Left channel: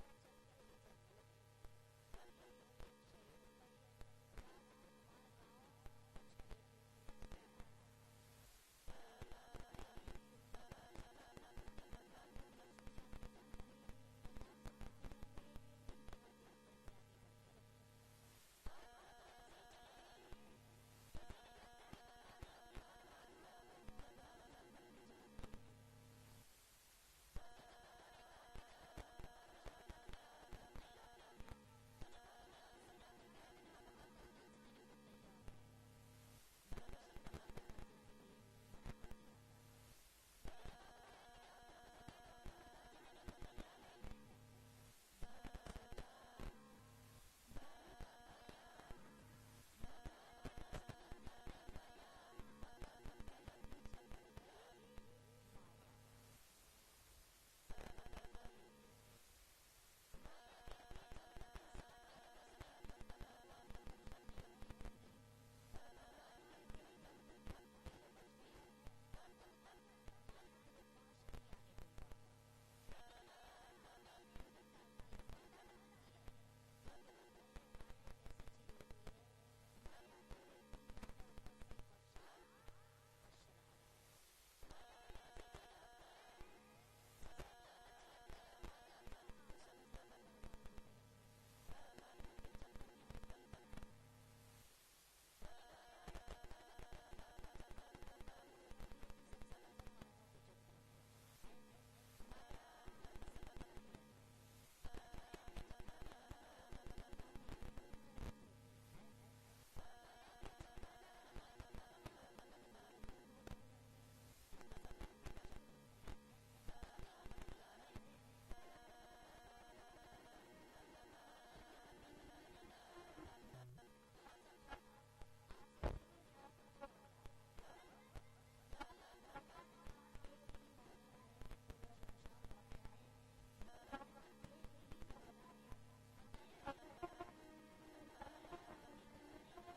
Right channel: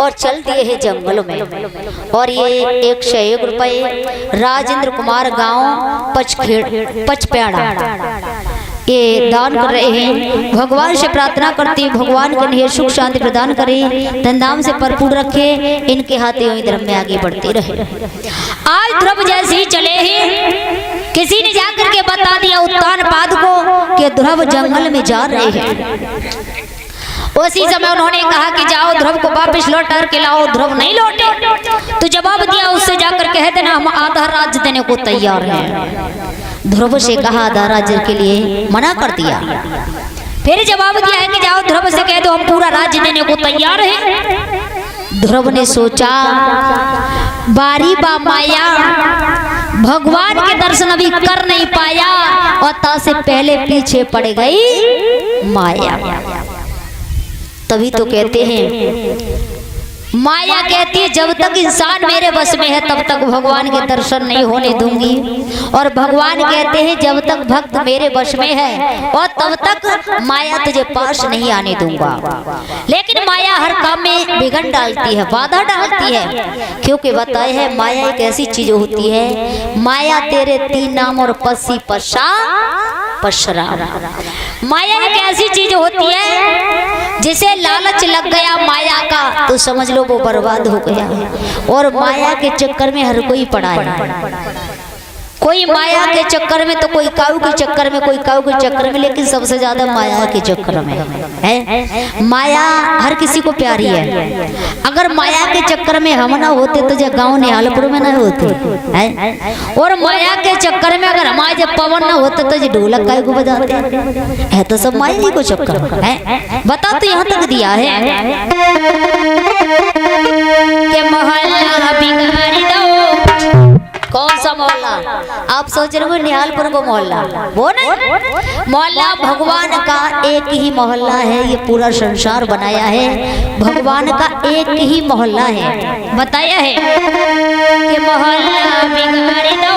और चल दिए हैं जंगलों में। और ये 101 रुपये राजेंद्र कुमार गांव पचपेड़ा ये दान कर रहे हैं। भगवान से प्रार्थना करती भगवान के लिए सुख शांति प्रदान करे, धनधाम से भरपूर रखे, इनके हाथे वही धर्म में आगे बढ़ते रहे। आज ध्रुव जैसे ही चले हैं, किसी ने जाकर के बता दिया उत्तान पाद को कि ध्रुव जंगल में जा रहे हैं। उसी समय उन्होंने कहा कि जाओ ध्रुव को वापस लौट के लाओ। ध्रुव नहीं लौटे तो जवाब दिया उससे जाकर कह देना हम आधा राज्य देने को तैयार हैं। ध्रुव से कहा आधा राज्य के लिए मना कर दिया। फिर जवाब दिया है कि जाओ ध्रुव से कह दो हम पूरा राज्य देने को तैयार हैं। ध्रुव ने सोचा बारी बा माया, भगवान के दर्शन अभी कर नहीं पाया और ता से पहले पीछे पड़ गई माया। तभी तो कहते हैं माया कहती है जब तक इंसान मेरे बस में है तब तक भगवान के दर्शन नहीं होने दूंगी, और भगवान कहते हैं जब तक भक्त मेरे बस में है और तब तक माया तुझे पास नहीं आने दूंगा। लेकिन माया हर काम में विघ्न डालती है, बाधा डालती है, क्योंकि बताए है माया एक ऐसी चीज होती है, माया तेरे 3 नाम और पसी पशा पशरा। माया एक ऐसी चीज होती है जिसे लालच लग गया माया का तो समझ लो वो बर्बाद हो गया। और माया के चक्कर में हर कोई पड़ा है, कोई माया के चक्कर में तो कोई काऊ के चक्कर में, कोई काऊ के चक्कर में, लेकिन सबसे ज्यादा माया के चक्कर में है। माया हर किसी को प्यारी है। अगर माया के चक्कर में हम ना होते तो जब गांव निहालपुर में ना होते है, और माया के चक्कर में अगर हमारे जब पवन ना होते तो जो ढोलक काय को बजाते है, तो सब माया ही को चक्कर है। बता तो यहाँ तक दिया है कि मोहल्ला बिगाड़ी दो। कौन सा मोहल्ला? आप सोच रहे हो निहालपुर को मोहल्ला, वो नहीं। मोहल्ला भगवान का एक ही मोहल्ला है, ये पूरा संसार बनाया है भगवान का एक ही मोहल्ला है। बताया है कि मोहल्ला बिगाड़ी दो,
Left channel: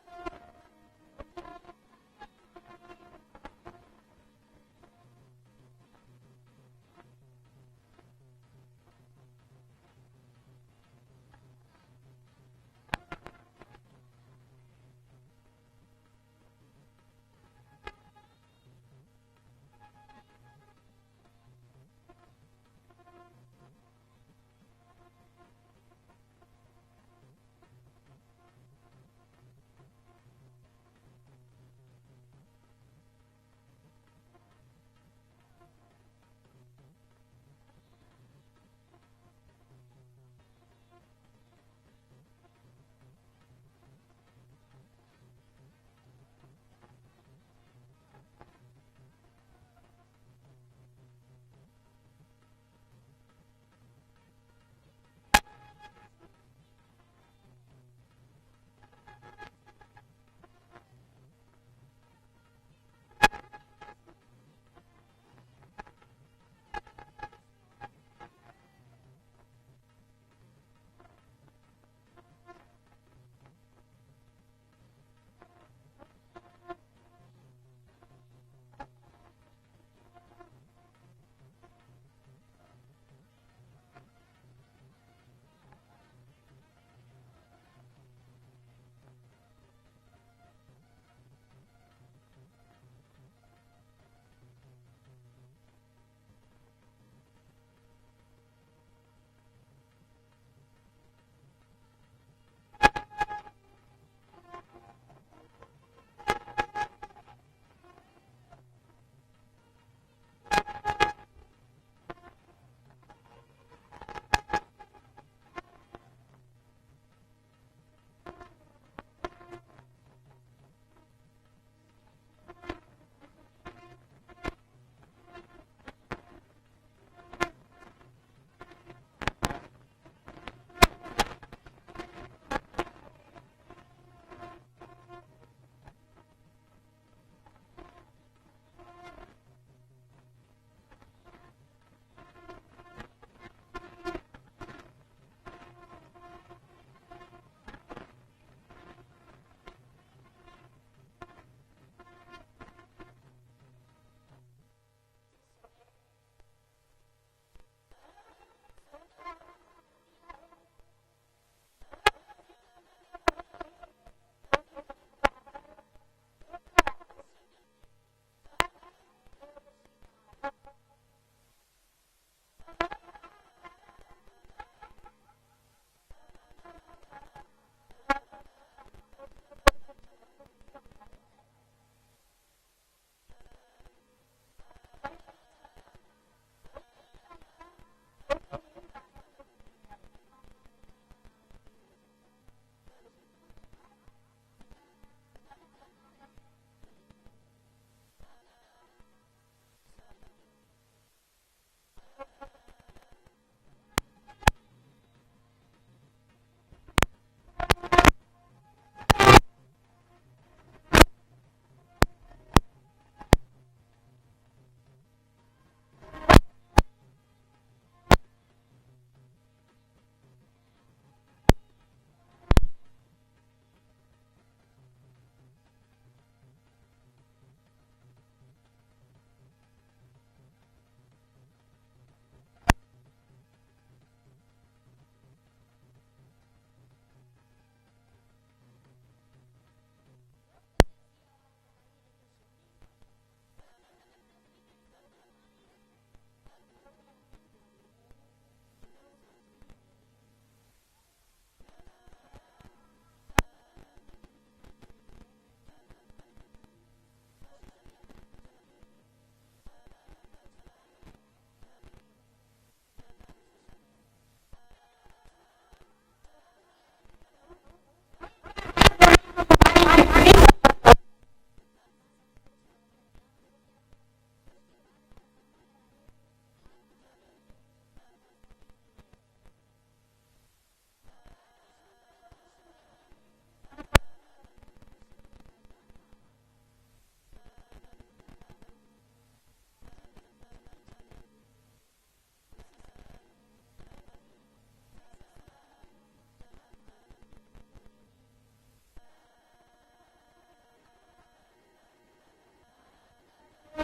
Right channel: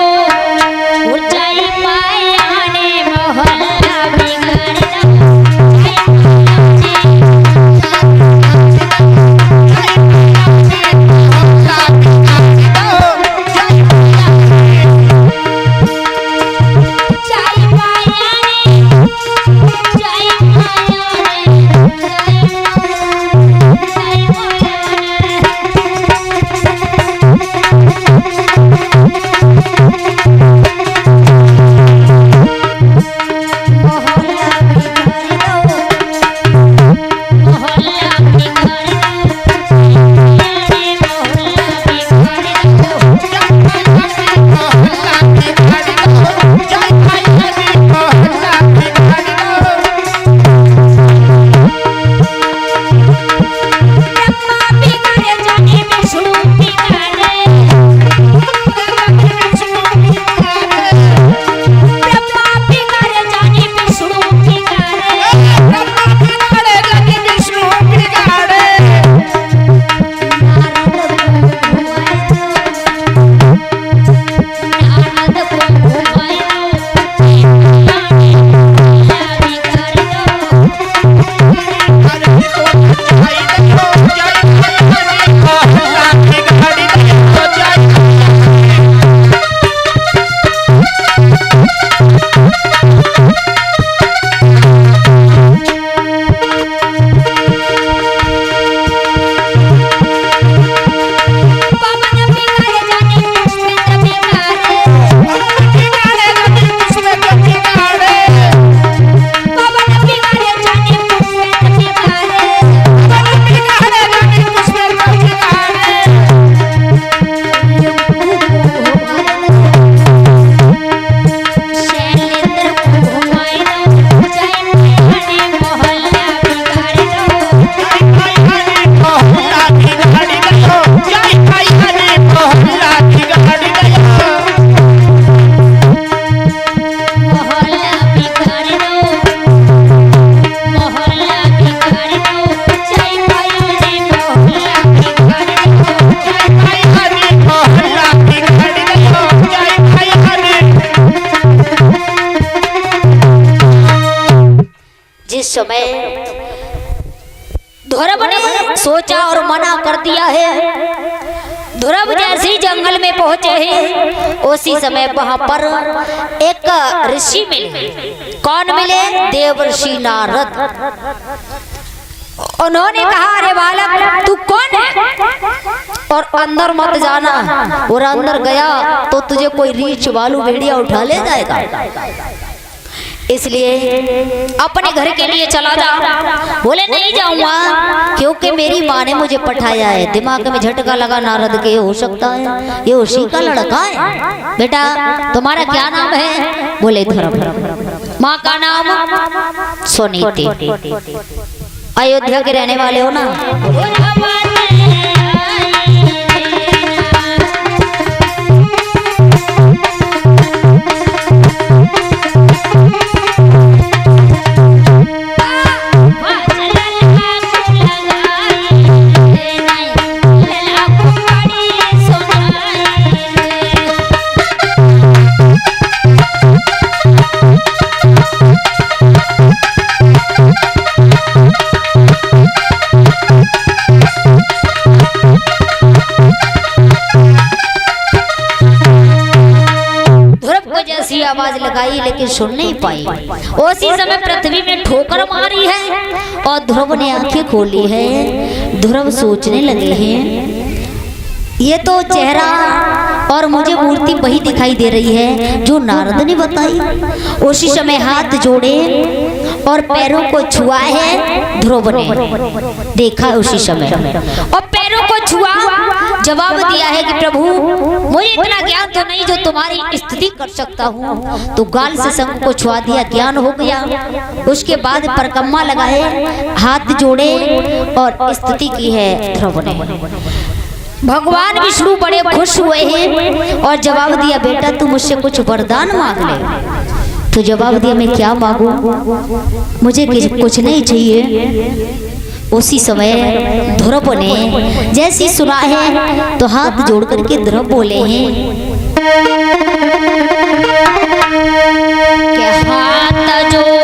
ऊंचाई माया ने मोहल्ला बिगाड़ी दो। इस समय ध्रुव ने सोचा और मना कर दिया है। ध्रुव जैसे ही जंगल में पहुंचे हैं उसी समय वहां पर एक ऋषि मिले। कौन मिले? देवर्षि नारद। उन्होंने कहा, अरे बालक तू कौन है और अंदर मत जाना, और अंदर गया तो तुझे कोई रीछ वालू भेड़िया उठा ले जाएगा, इसलिए अपने घर के लिए चला जा। बोले नहीं जाऊंगा क्योंकि मेरी माँ ने मुझे पठाया है। दिमाग में झटका लगा नारद के, हो सकता है ये उसी का लड़का है। बेटा तुम्हारा क्या नाम है? बोले ध्रुव। माँ का नाम सुनीति। अयोध्या के रहने वाले हो ना? आवाज लगाई लेकिन सुन नहीं पाई। उसी समय पृथ्वी में ठोकर मारी है और ध्रुव ने आंखें खोली है। ध्रुव सोचने लगे हैं ये तो चेहरा और मुझे मूर्ति वही दिखाई दे रही है जो नारद ने बताई। उसी समय हाथ जोड़े और पैरों को छुआ है ध्रुव ने। देखा उसी समय और पैरों को छुआ, जवाब दिया है कि प्रभु मुझे इतना ज्ञान तो नहीं जो तुम्हारी स्थिति कर सकता हूँ। तो गाल से शंख को छुआ दिया, ज्ञान हो गया। उसके बाद परकम्मा लगाए, हाथ जोड़े और स्तुति की है ध्रुव ने। भगवान विष्णु बड़े खुश हुए हैं और जवाब दिया, बेटा तू मुझसे कुछ वरदान मांग ले। तो जवाब दिया, मैं क्या मांगू, मुझे कुछ नहीं चाहिए। उसी समय ध्रुव ने जैसी सुना है तो हाथ जोड़ करके ध्रुव बोले हैं कि हाथ जोड़े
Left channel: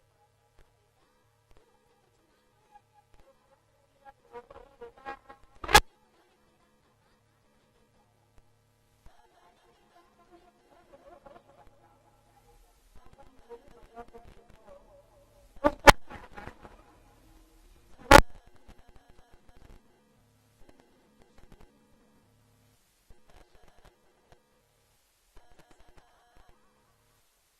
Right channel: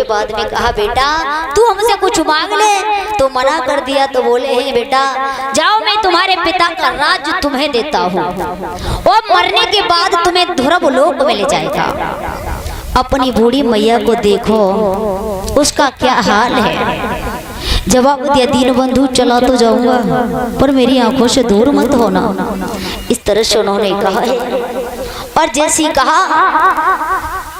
उसके बाद में कहा बेटा तू हमसे कुछ मांग ले, तो मना कर दिया। तो बोले हैं बेटा जाओ मैं तुम्हारे पिता का राज तुम्हें देता हूँ और मरने के बाद तुम्हें ध्रुव लोक में ले जाएगा। अपनी बूढ़ी मैया को देखो उसका क्या हाल है। जवाब दिया दीनबंधु चला तो जाऊंगा पर मेरी आंखों से दूर मत होना, इस तरह से उन्होंने कहा है। और जैसी कहा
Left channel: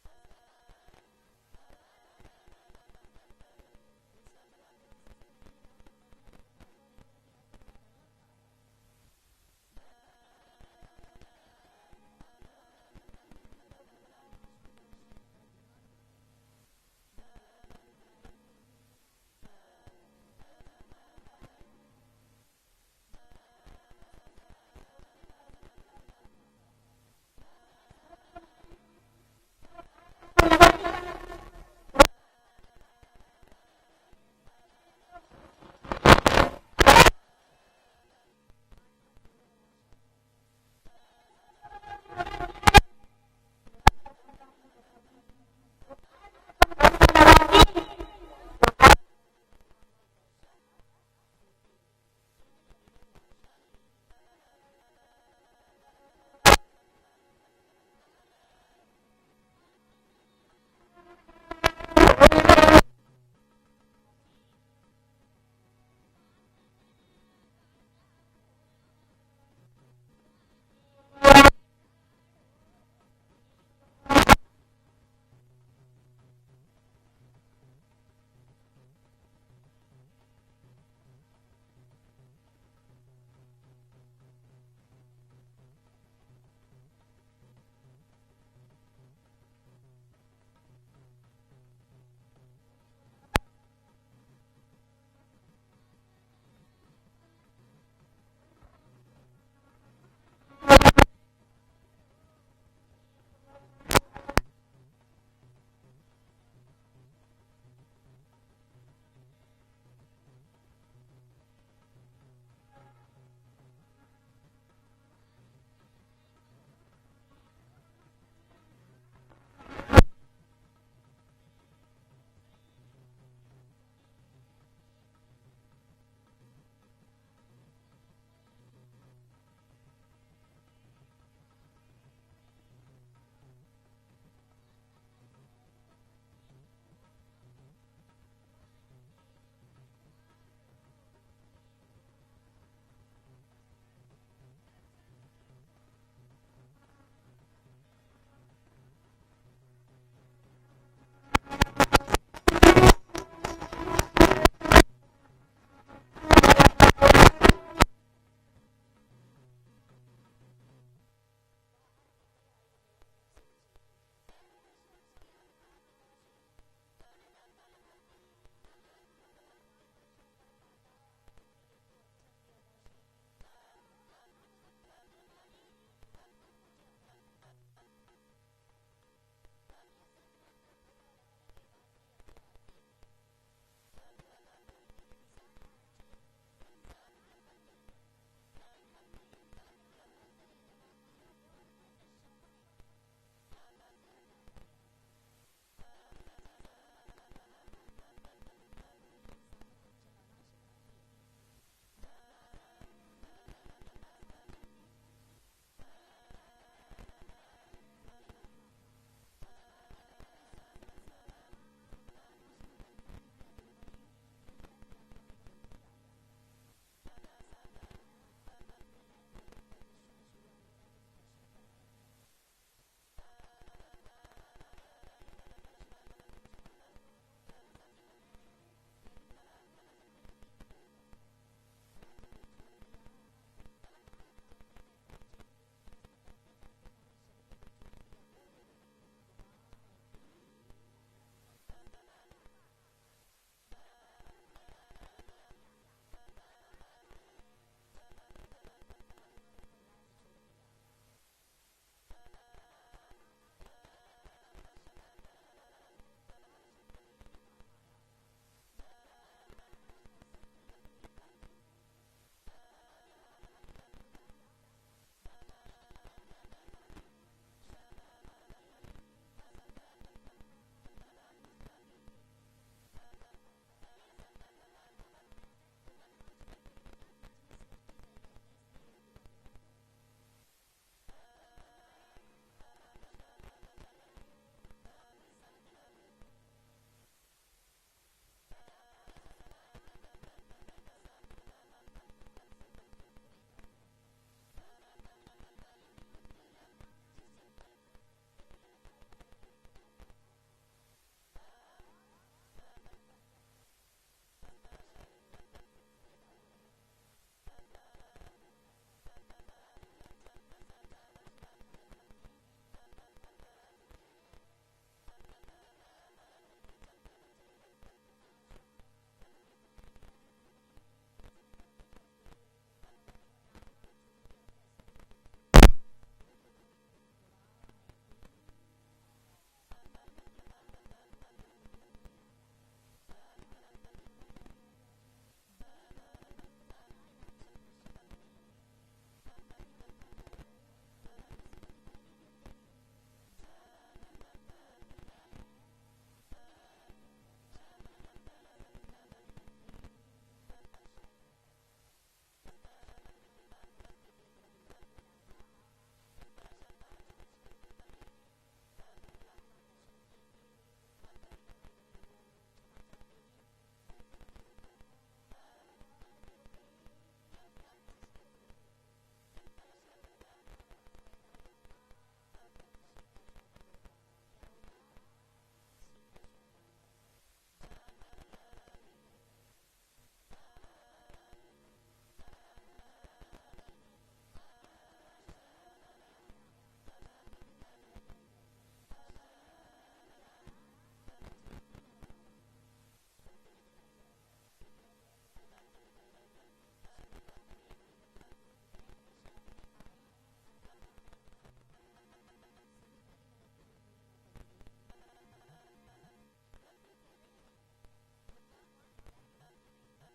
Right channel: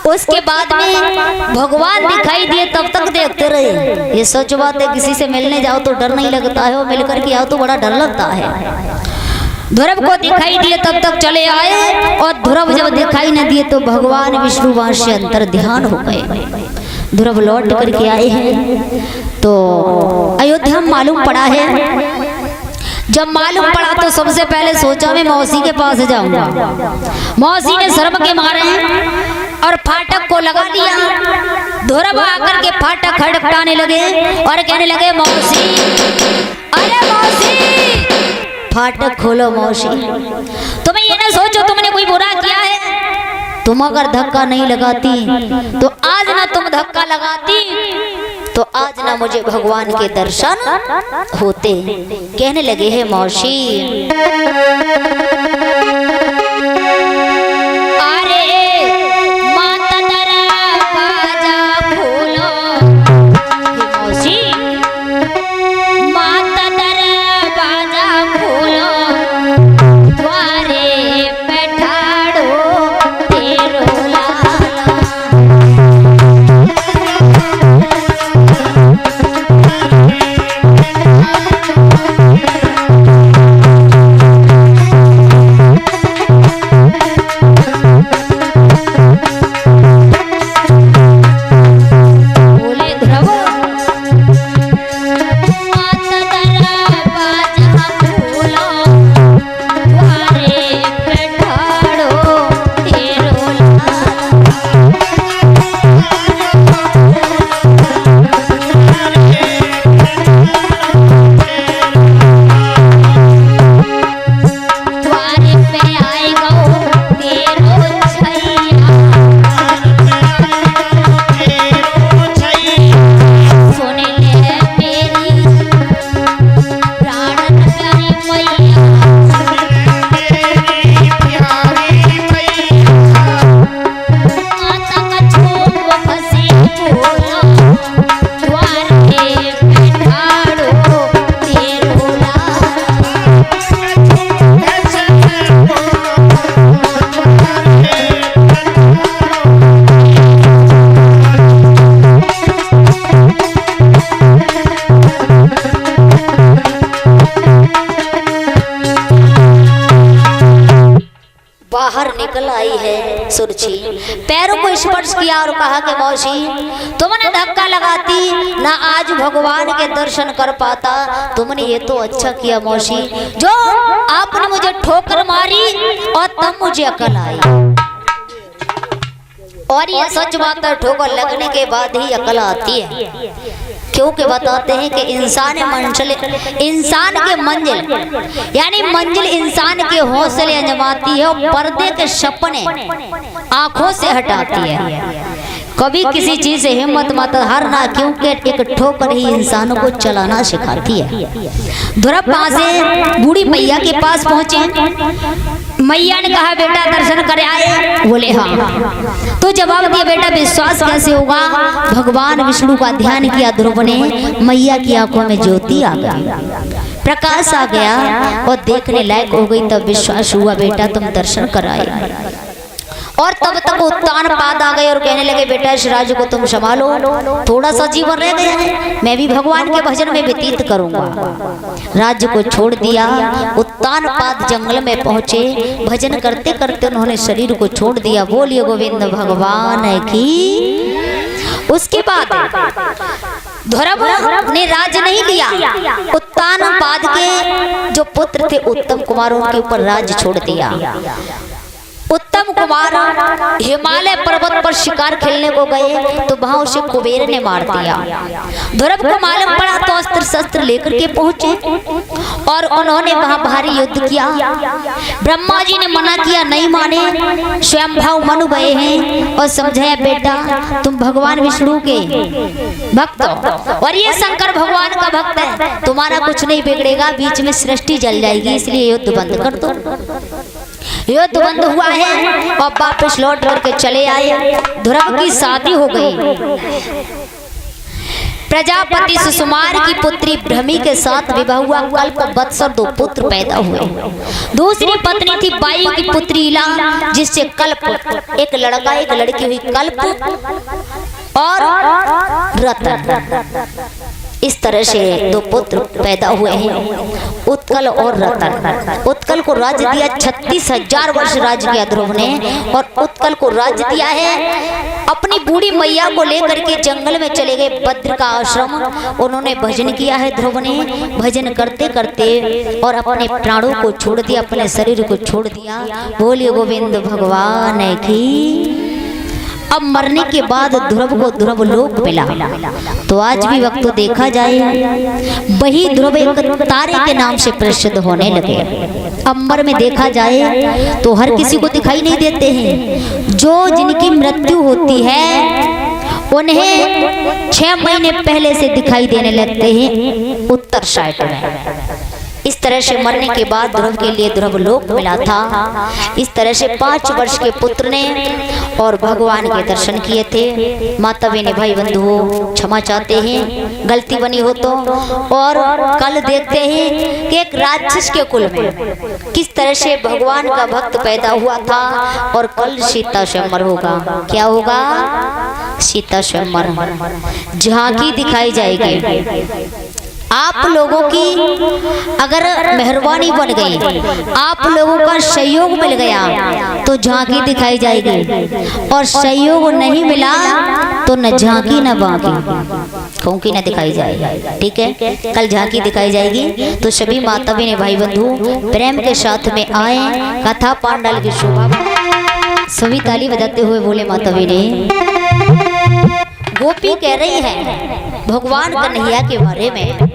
उसके बाद में भगवान दिखाई दिए, तब तक देखते रहे। ये सच बात है, किसी से मिलने जाओ तो डर नहीं लगता है और मिलकर के आओ तो बड़ा डर लगता है। ध्रुव को दिखाई दिए तब तक चले आए और ध्रुव जब दिखाई न दिए तो भगवान विष्णु वहां से अंतर ध्यान हो गए। ध्रुव लौट करके आए हैं तो अयोध्या में मालूम पड़ा है। जब मालूम पड़ा तो सबसे पहले सोचा मैं मौसी के पास जाऊंगा। मौसी ने शर्म के मारे और फाटक को लगा दिया। ध्रुव आकर के फाटक खड़खड़ाने लगे और कहने लगे मौसी, अरे मौसी फाटक खोलो मौसी। तुम्हें ये ना सोचो तुमने कोई बुरा किया है, तुम अगर धक्का नहीं लगाती तो आज ना तुम धक्का लगाती तो आज ना मुझे भगवान के दर्शन होते। कहने लगे हैं मौसी निकल आई है सुरछी, पैरों को स्पर्श किया और कहा कि मौसी तुमने धक्का लगाती ना आज भगवान के दर्शन कर पाता, तुमने ये तो अच्छा किया मौसी जो आपने मुझे ठोकर मारी और तब मुझे अकल आई। और ये सच बात है, ठोकर लगने के बाद ही अकल आती है, क्योंकि बताते हैं कि इंसान के मंजिल यानी मंजिल इंसान के हौसले अंजमाती है और पर्दे के सपने आंखों से हटाती है। कभी किसी चीज से हिम्मत मत हारना, क्योंकि एक ठोकर ही इंसानों को चलाना सिखाती है। ध्रुव वहां से बूढ़ी मैया के पास पहुंचे। मैया ने कहा बेटा दर्शन कर आए? बोले हाँ। तो जवाब दिया बेटा विश्वास कैसे होगा? भगवान विष्णु का ध्यान किया ध्रुव ने, मैया की आंखों में ज्योति आ गई, प्रकाश आ गया और देखने लायक हो गई। तब विश्वास हुआ बेटा तुम दर्शन कराए। और तब तक उत्तान पाद आ गए और कहने लगे बेटा इस राज्य को तुम संभालो, थोड़ा सा जीवन रह गया है, मैं भी भगवान के भजन में व्यतीत करूंगा। राज्य को छोड़ दिया, उत्तान पाद जंगल में पहुंचे, भजन करते करते उन्होंने शरीर को छोड़ दिया। बोलिए गोविंद भगवान की। उसके बाद ध्रुव ने राज नहीं लिया, उत्तान पाद के जो पुत्र थे उत्तम कुमार उनके ऊपर राज छोड़ दिया। उत्तम उत्तम कुमार हिमालय पर्वत पर शिकार खेलने को गए तो वहां उसे कुबेर ने मार दिया। ध्रुव को मालूम पड़ा तो अस्त्र शस्त्र लेकर के पहुंचे और उन्होंने वहां भारी युद्ध किया। ब्रह्मा जी ने मना किया, नहीं माने। स्वयंभाव मनु गए हैं और समझाया, बेटा तुम भगवान विष्णु के भक्त हो और ये शंकर भगवान का भक्त है, तुम्हारा कुछ नहीं बिगड़ेगा, बीच में सृष्टि जल जाएगी, इसलिए युद्ध बंद कर दो। युद्ध बंद हुआ है और वापस लौट करके चले आए। ध्रुव की शादी हो गई। प्रजापति सुकुमार की पुत्री भ्रमी के साथ विवाह हुआ। कल्प वत्सर 2 पुत्र पैदा हुए। दूसरी पत्नी थी वायु की पुत्री इला, जिससे कल्प एक लड़का एक लड़की हुई, कल्प और रतन। इस तरह से 2 पुत्र पैदा हुए हैं, उत्कल और रतन। उत्कल को राज्य दिया, 36,000 वर्ष राज्य किया ध्रुव ने, और उत्कल को राज्य दिया है। अपनी बूढ़ी मैया को लेकर के जंगल में चले गए, भद्र का आश्रम। उन्होंने भजन किया है ध्रुव ने। भजन करते करते और अपने प्राणों को छोड़ दिया, अपने शरीर को छोड़ दिया। बोलिए गोविंद भगवान की। अब मरने के बाद ध्रुव को ध्रुव लोक मिला। तो आज भी वक्त तो देखा जाए, वही ध्रुव एक तारे के नाम से प्रसिद्ध होने लगे। अंबर में देखा जाए तो हर किसी को दिखाई नहीं देते हैं। जो जिनकी मृत्यु होती है उन्हें 6 महीने पहले से दिखाई देने लगते हैं उत्तर साइड में। इस तरह से मरने के बाद ध्रुव के लिए ध्रुव लोक मिला था। इस तरह से 5 वर्ष के पुत्र ने और भगवान के दर्शन किए थे। माता बहने भाई बंधु क्षमा चाहते हैं, गलती बनी हो तो। और कल देखते हैं कि एक राक्षस के कुल में किस तरह से भगवान का भक्त पैदा हुआ था। और कल सीता स्वयंवर होगा। क्या होगा? सीता स्वयंवर, झांकी दिखाई जाएगी। आप लोगों की अगर मेहरबानी बन गई, आप लोगों का सहयोग मिल गया तो झांकी दिखाई जाएगी, और सहयोग नहीं मिला तो न झांकी न बाकी खोंकी न दिखाई जाएगी। ठीक है, कल झांकी दिखाई जाएगी। तो सभी माता बहने भाई बंधु प्रेम के साथ में आए, कथा पांडाल की शोभा। सभी ताली बजाते हुए बोले माता बहने। गोपी कह रही है भगवान कन्हैया के बारे में।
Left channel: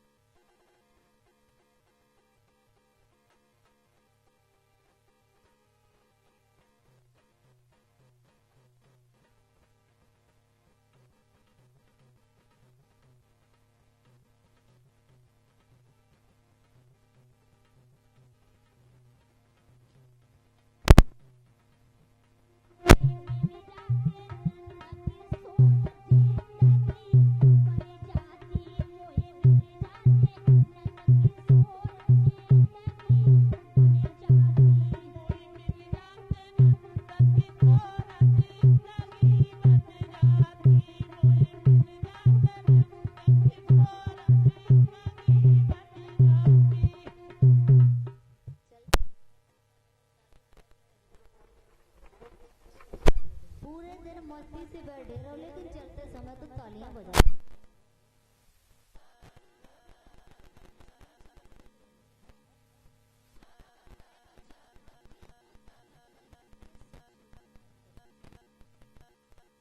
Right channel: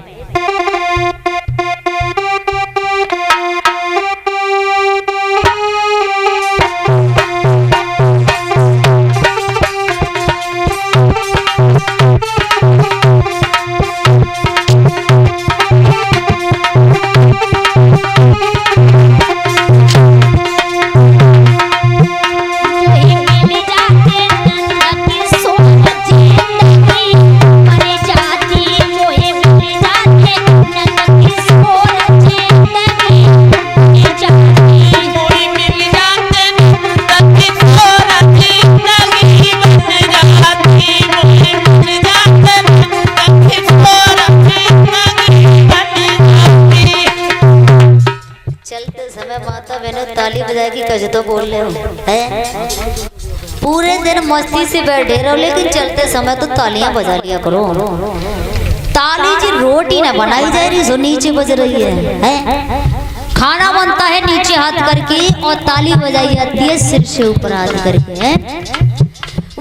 तो बोल रहे हो है? पूरे दिन मस्ती से बैठे रहो, लेकिन चलते समय तो तालियां बजा लिया करो। ताली जी रोटी ना बनाई जा रही सो नीचे बज रही है? खाना बनता है नीचे हाथ करके और ताली बजाई जाती है सिर से ऊपर हाथ करके। है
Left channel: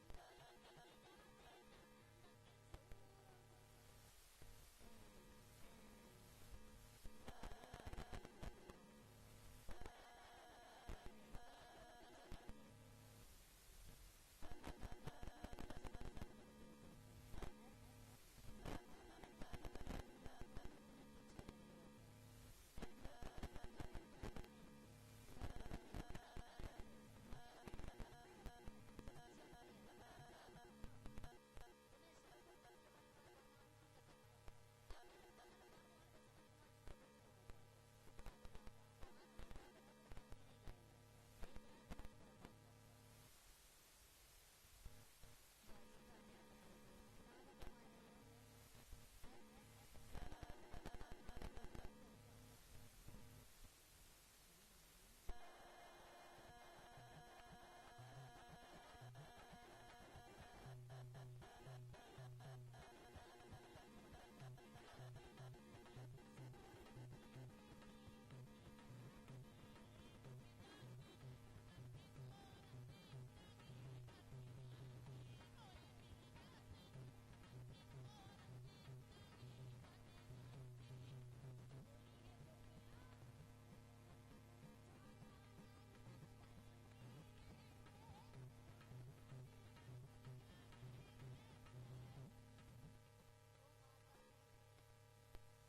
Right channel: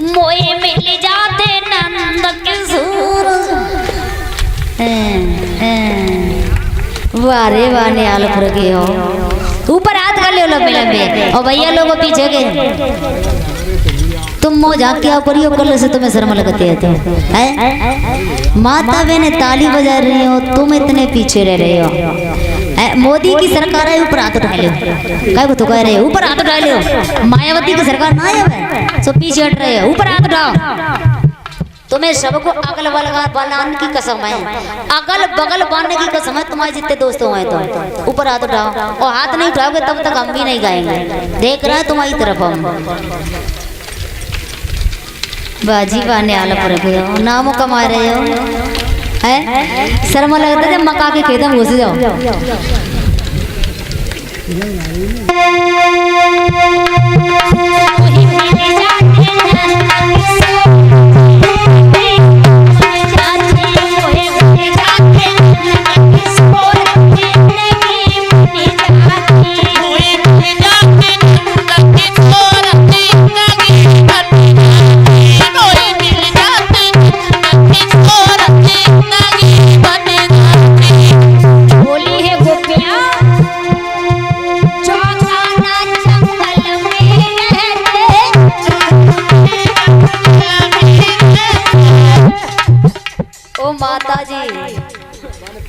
मोए मिल जाते नंद किशोर, वारे वाने आल फर गए हो। ऊपर हाथ कर लो लंबे लंबे, और भैया लोगों पीछे के तुम मो जाके आओ करियो, कल से तुम्हें शर्म लगती है। तो माता बहने ताली बजा रही हो, तुम इतने पीछे रह रहे हो। मोदी की सरकार है, ऊपर हाथ उठा लो। क्या तो कह रहे हो ऊपर हाथ उठा लो। मायावती की सरकार ना है सो पीछे हट रहे हो, ऊपर हाथ उठाओ। तुम्हें सबको अगल बगल बनाने की कसम है, अगल बगल बांधने की कसम है। तुम्हारे जितने दोस्तों हैं तो ऊपर हाथ उठाओ, और हाथ नहीं उठाओगे तब तक हम भी नहीं गाएंगे। देख रहे हैं तुम्हारी तरफ हम। बाजी बाने आला पर गए हो, नामों कमा रहे हो है? शर्म लगता है मका के खेत में घुस जाओ। Oh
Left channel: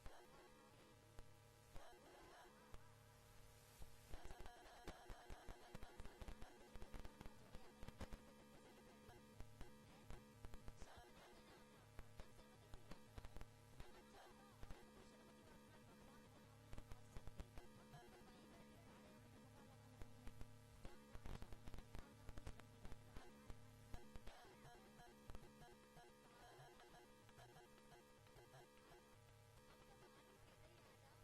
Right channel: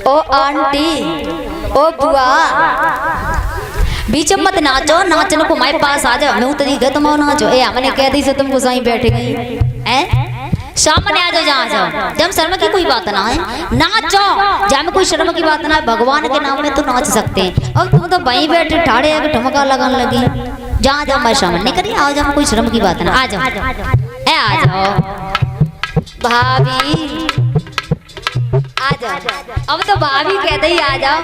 ओ आंटी, ओ बुआ, बीच में मत नाचो, नाचने को हमारे पास आ जाओ। मैं तो दिखे तुम नाचो। ए हमने कह दी से तुमको सही बैठे गई हैं, सामने आ जाओ, जहाँ जाओ। जब शर्म की कोई बात ना है, नाचो। जहाँ में कोई शर्म की बात ना है, भगवान के नाम में तो नाच सकते हैं। अब तुम तो वहीं बैठे ठाड़े आके ठुमका लगाने लगी। जहाँ जाओ मैं शर्म नहीं करी, आओ, जहाँ कोई शर्म की बात ना। आ जाओ, ए आ जाओ भाभी, आ जाओ। अब तो भाभी कहते ही आ जाओ।